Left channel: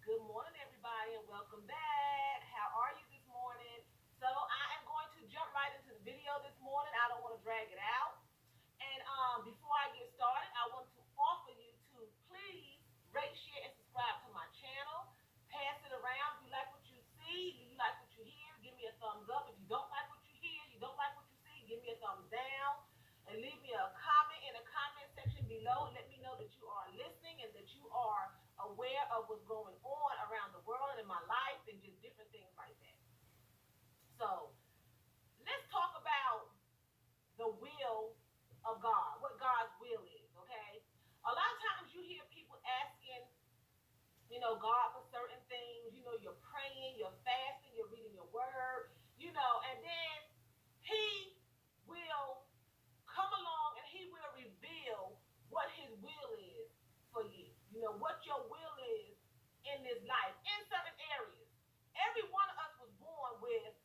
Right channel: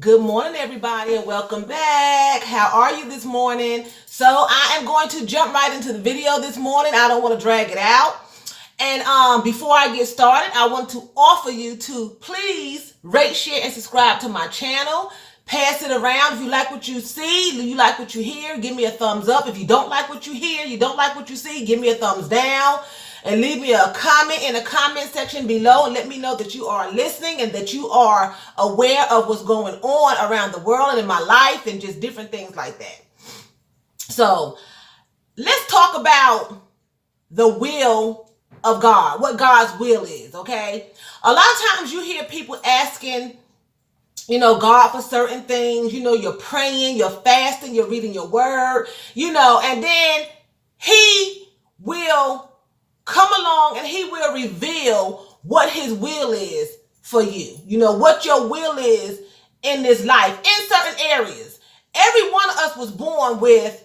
Good morning, everybody, and welcome back. How are you this morning? So I am going to jump right into the video this morning. I don't want to drag it out. And before I get started, I want to offer you to please rate, share, and subscribe to my channel. Pass it around. If you like what you see, you like what you hear, give me a thumbs up. If you don't like what you hear, you don't like what you see, give me a thumbs down. And leave me a comment in the comment section below and let me know that you are listening and that you are aware of what's going on around the world and in my life and just different things like that. So let's talk about the will of God, what God's will is, okay? A lot of times you hear people asking, God for certain things. You're praying, you're fasting, you're reading your word, and then he will come along and he will reveal what his will is for you. What your will is in this life, in certain areas. Every one of us was born with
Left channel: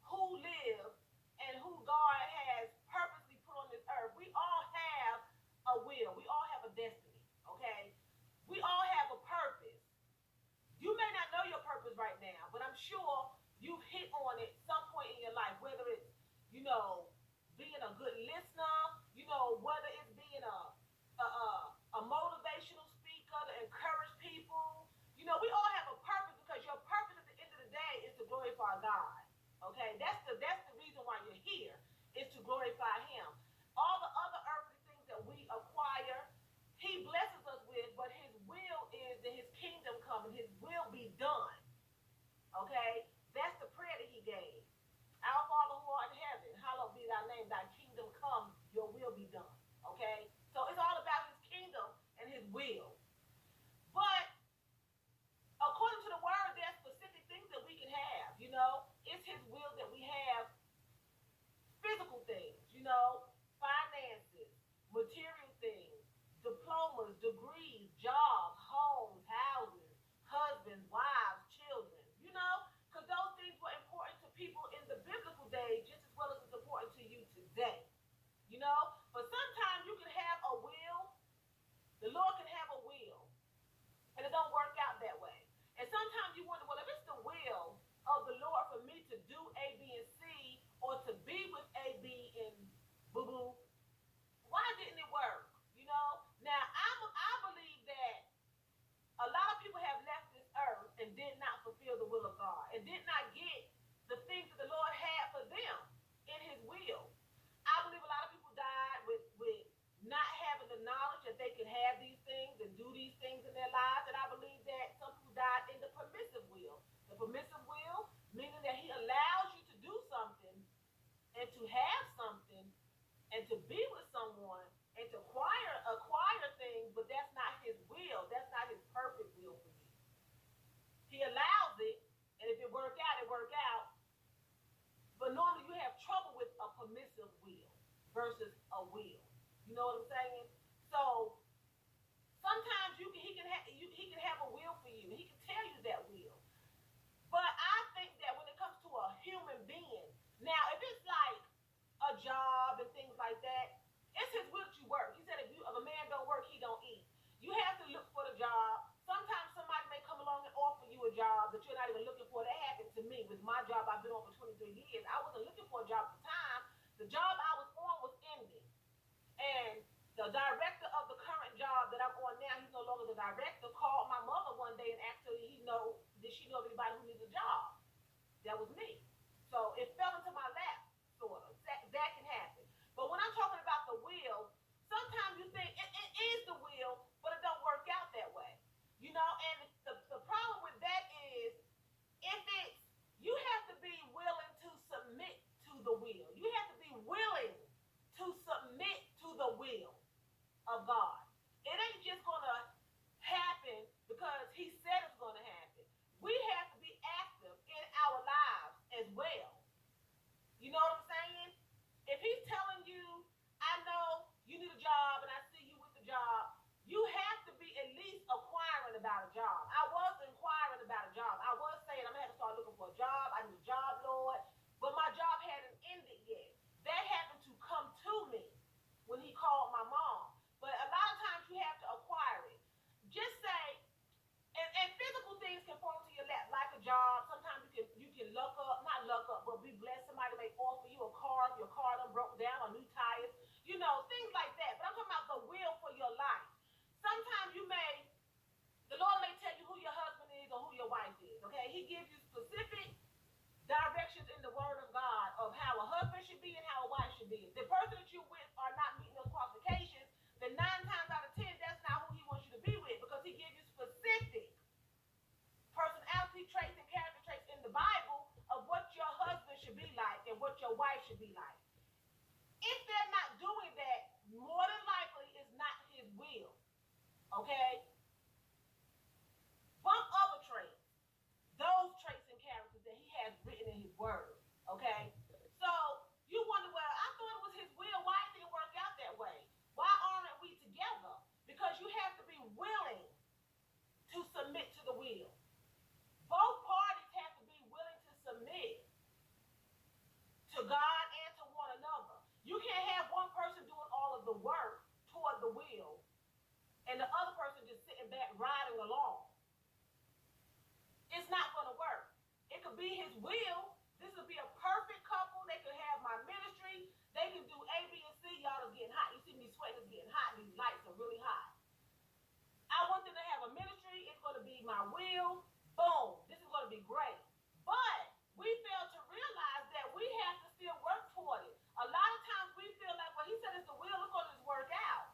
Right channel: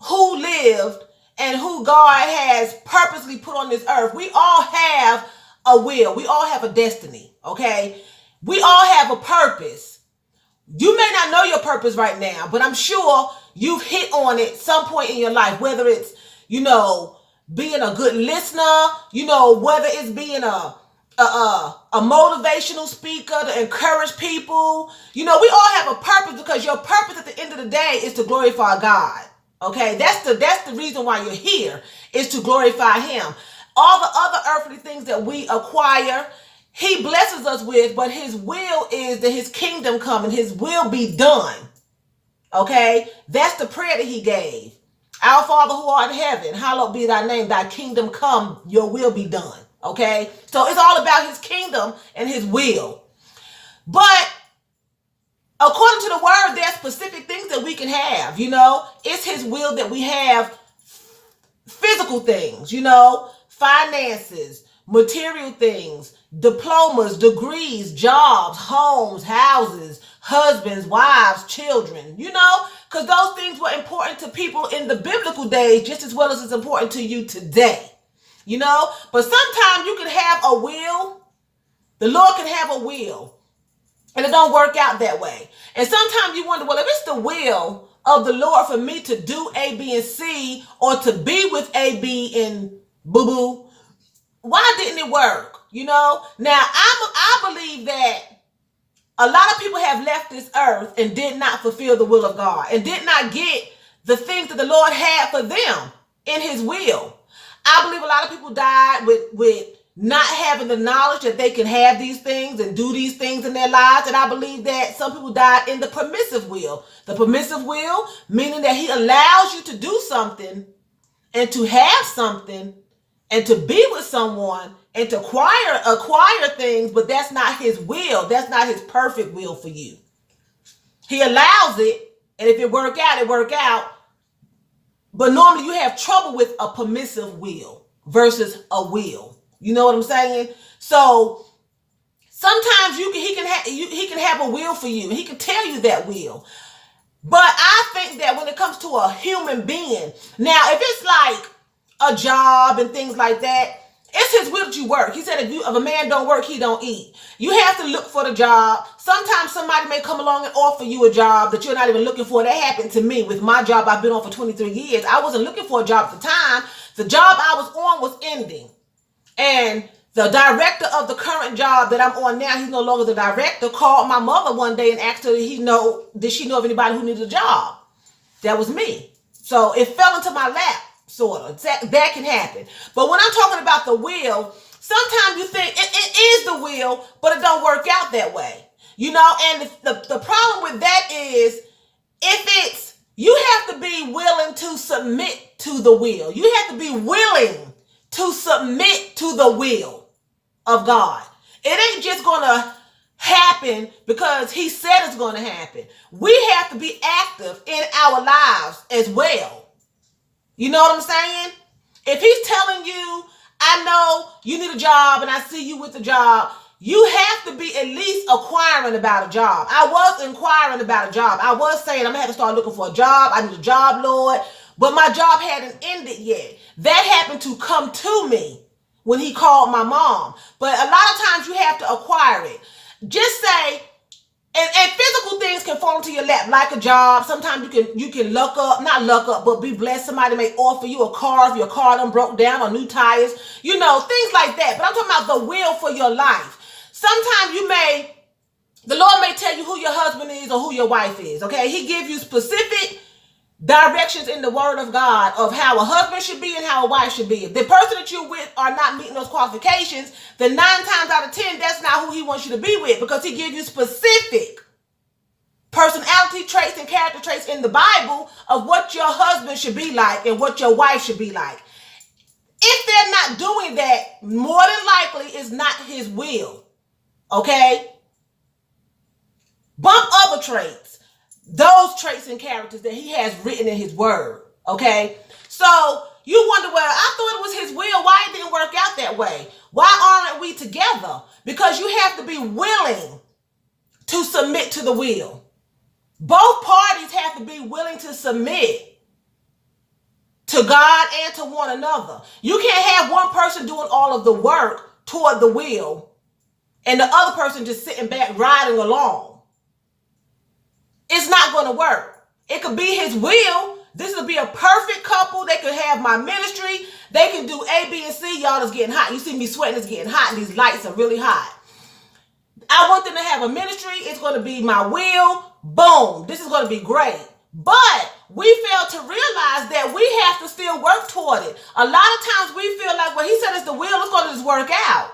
who lived and who God has purposely put on this earth. We all have a will. We all have a destiny, okay? We all have a purpose. You may not know your purpose right now, but I'm sure you've hit on it some point in your life, whether it's, being a good listener, whether it's being a motivational speaker to encourage people. We all have a purpose because your purpose at the end of the day is to glorify God. Okay, that's the reason why you're here, is to glorify him. All the other earthly things that we acquire, he blesses us with, but his will is that his kingdom come and his will be done. Okay, that's the prayer that he gave. Our Father who art in heaven, hallowed be thy name, thy kingdom come, your will be done. Okay, so it's all about his kingdom and his will. But according to the word, there are specific things that we can have. It's his will that we have physical things, finances, material things, diplomas, degrees, jobs, homes, houses, husbands, wives, children, because those things were important to people in the biblical days just as well as it's important to you today, but sometimes you can have a will. The Lord can have a will and it don't work out that way. And sometimes you wonder, well, if it's the will of the Lord for me to do A, B, and C, or to be with A, B, and boo-boo, why didn't it work? Now I believe that a lot of people have left this earth and did not fulfill the will of God and did not get the things that the Lord had for them in his will. I believe a lot of people died with not having the knowledge that they can have these things and do these things in their lives. And I believe that some people died in the permissive will. The permissive will, meaning that he allows you to do something and to have something and to be with someone and to acquire things, but that's not his will. That's not his perfect will for you. He allows it, and if it work out, it work out. But normally you have trouble with a permissive will versus a will. You know what I'm saying? So sometimes he can have a will for you. He can tell you that will. But I think that when it comes to a human being, now if it's like a job and things like that, it's his will that you work. He said if a man don't work, he don't eat. You have to look for the job. Sometimes somebody may come along and offer you a job that you're not even looking for. That happened to me with my job I've been on for 23 years. I wasn't looking for a job at the time. The job I was on was ending. And the director of the current job that I'm on now, he's no longer the director, called my mother one day and asked her did she know of anybody who needed a job. That was me. So it fell into my lap. Sort of. That can happen. But when I'm talking about the will, sometimes you think it is the will, but it don't work out that way. And the problem with that is you have to be willing to submit to the will. You have to be willing to submit to the will of God. It ain't just going to happen because he said it's going to happen. We have to be active in our lives as well. You know what I'm saying? If he's telling you, I know you need a job and I see you with the job, you have to be at least inquiring about a job. I was inquiring about a job. I was saying I'm going to have to start looking for a job. I need a job, Lord. But my job hadn't ended yet. That happened to come to me when he called my mom. But a lot of times you have to acquire it. Just say, and physical things fall into your lap like a job. Sometimes you can not luck up, but be blessed. Somebody may offer you a car if your car done broke down or new tires, things like that. But I'm talking about the will for your life. Sometimes the Lord may tell you who your husband is or who your wife is, okay? He gives you specific directions in the word of God of how a husband should be and how a wife should be. If the person that you're with are not meeting those qualifications, then 9 times out of 10, that's not who he wants you to be with, because he gives you specific personality traits and character traits in the Bible of what your husband should be like and what your wife should be like. If they're not doing that, more than likely it's not his will, okay? Bump other traits, those traits and characters that he has written in his word, okay? So you wonder, well, I thought it was his will. Why it didn't work out that way? Why aren't we together? Because you have to be willing to submit to the will. Both parties have to be willing to submit to God and to one another. You can't have one person doing all of the work toward the will and the other person just sitting back riding along. It's not going to work. It could be his will. This would be a perfect couple. They could have my ministry. They can do A, B, and C. Y'all, it's getting hot. You see me sweating. It's getting hot, and these lights are really hot. I want them to have a ministry. It's going to be my will. Boom. This is going to be great. But we fail to realize that we have to still work toward it. A lot of times we feel like, well, he said it's the will. It's going to just work out.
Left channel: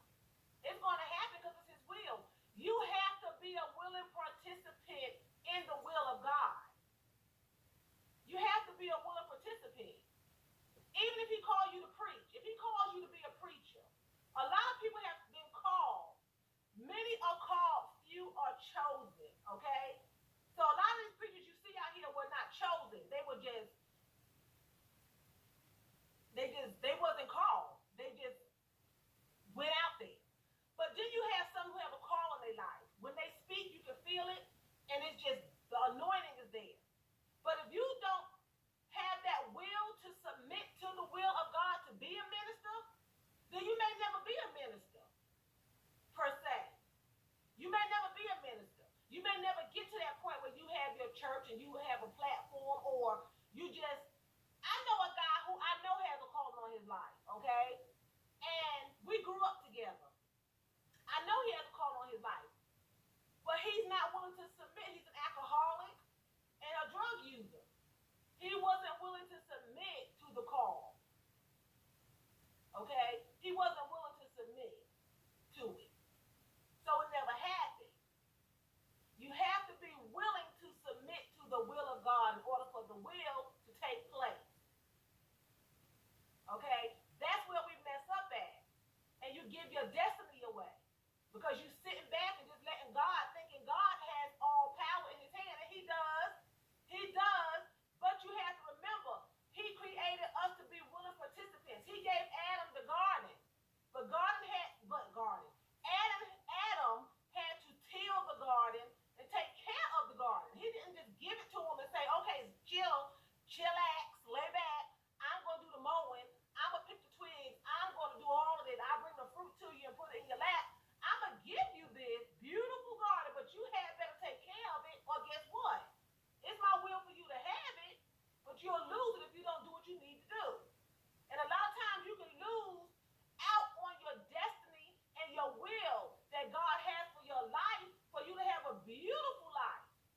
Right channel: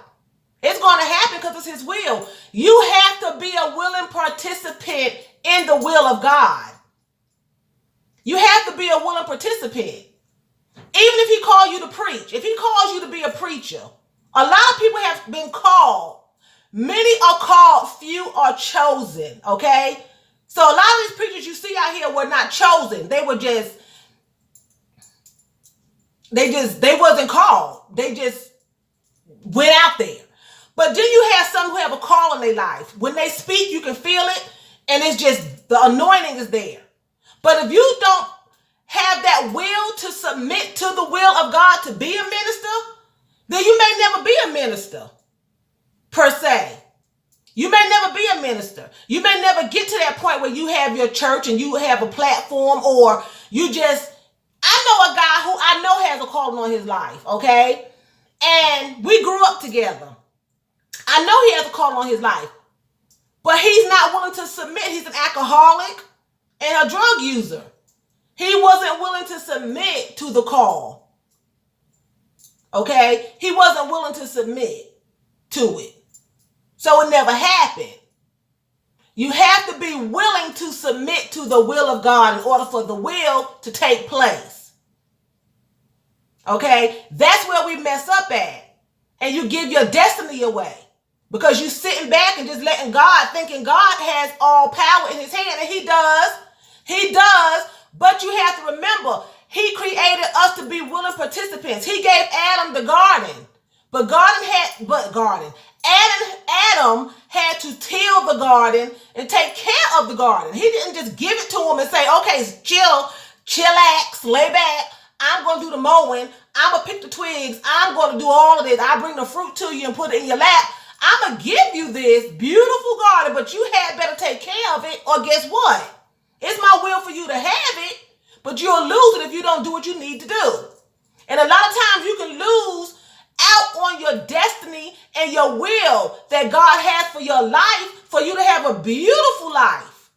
It's going to happen because it's his will. You have to be a willing participant in the will of God. You have to be a willing participant. Even if he calls you to preach, if he calls you to be a preacher, a lot of people have been called. Many are called, few are chosen, okay? So a lot of these preachers you see out here were not chosen. They wasn't called. They just went out there. But then you have some who have a call in their life. When they speak, you can feel it, and it's just the anointing is there. But if you don't have that will to submit to the will of God to be a minister, then you may never be a minister, per se. You may never be a minister. You may never get to that point where you have your church and you have a platform, or you just, I know a guy who I know has a calling on his life, okay? And we grew up together. I know he has a calling on his life, but he's not willing to submit. He's an alcoholic and a drug user. He wasn't willing to submit to the call, okay? He wasn't willing to submit to it. So it never happened. You have to be willing to submit to the will of God in order for the will to take place. Okay? That's where we mess up at. And you give your destiny away. Because you sitting back and just letting God, thinking God has all power in his hand. And he does. He does. But you have to remember, he created us to be willing participants. He gave Adam the garden. Adam had to till the garden and take care of the garden. He didn't just give it to him and say, okay, chillax, lay back. I'm going to do the mowing. I'm going to pick the twigs. I'm going to do all of this. I bring the fruit to you and put it in your lap. I'm going to give you this beautiful garden, but you had better take care of it, or guess what? It's my will for you to have it, but you'll lose it if you don't do what you need to do. And a lot of times you can lose out on your destiny and your will that God has for your life, for you to have a beautiful life.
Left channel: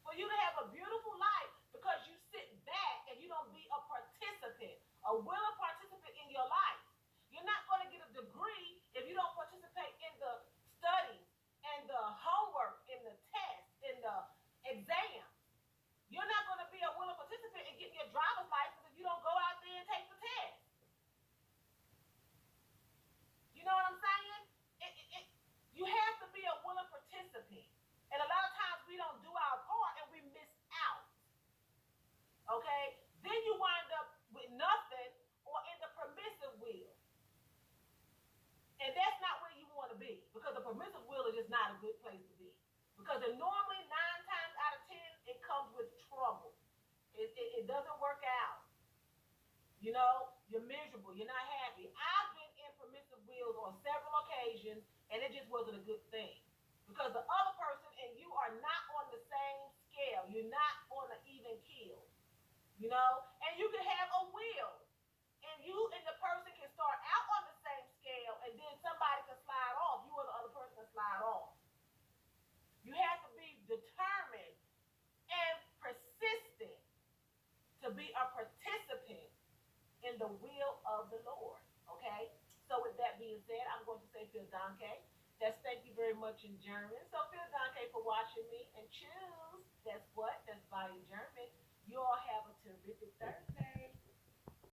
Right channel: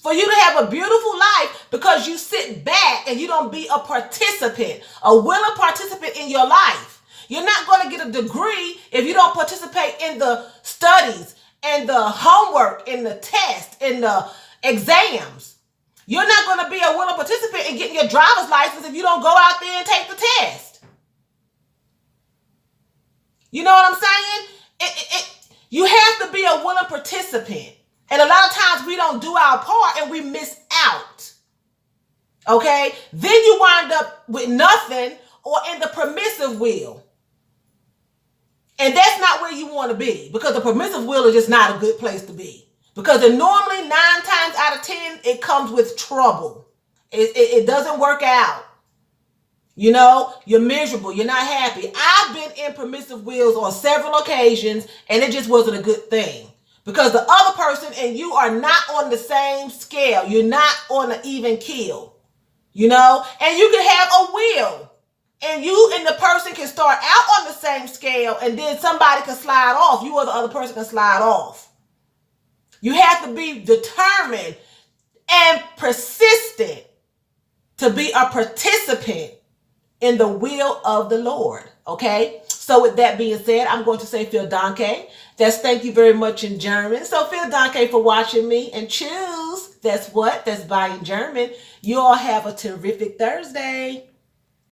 For you to have a beautiful life because you sit back and you don't be a participant, a willing participant in your life. You're not going to get a degree if you don't participate in the studies and the homework and the test and the exams. You're not going to be a willing participant in getting your driver's license if you don't go out there and take the test. You know what I'm saying? You have to be a willing participant. And a lot of times we don't do our part and we miss out. Okay? Then you wind up with nothing or in the permissive will. And that's not where you want to be, because the permissive will is just not a good place to be. Because normally 9 times out of 10, it comes with trouble. It doesn't work out. You know, you're miserable. You're not happy. I've been in permissive wills on several occasions, and it just wasn't a good thing. Because the other person and you are not on the same scale. You're not on an even keel, you know? And you can have a will. And you and the person can start out on the same scale, and then somebody can slide off. You or the other person can slide off. You have to be determined and persistent to be a participant in the will of the Lord. Okay? So with that being said, I'm going to say Vielen Dank. That's thank you very much in German. So Vielen Dank for watching me, and choose. That's what? That's bye in German. You all have a terrific Thursday.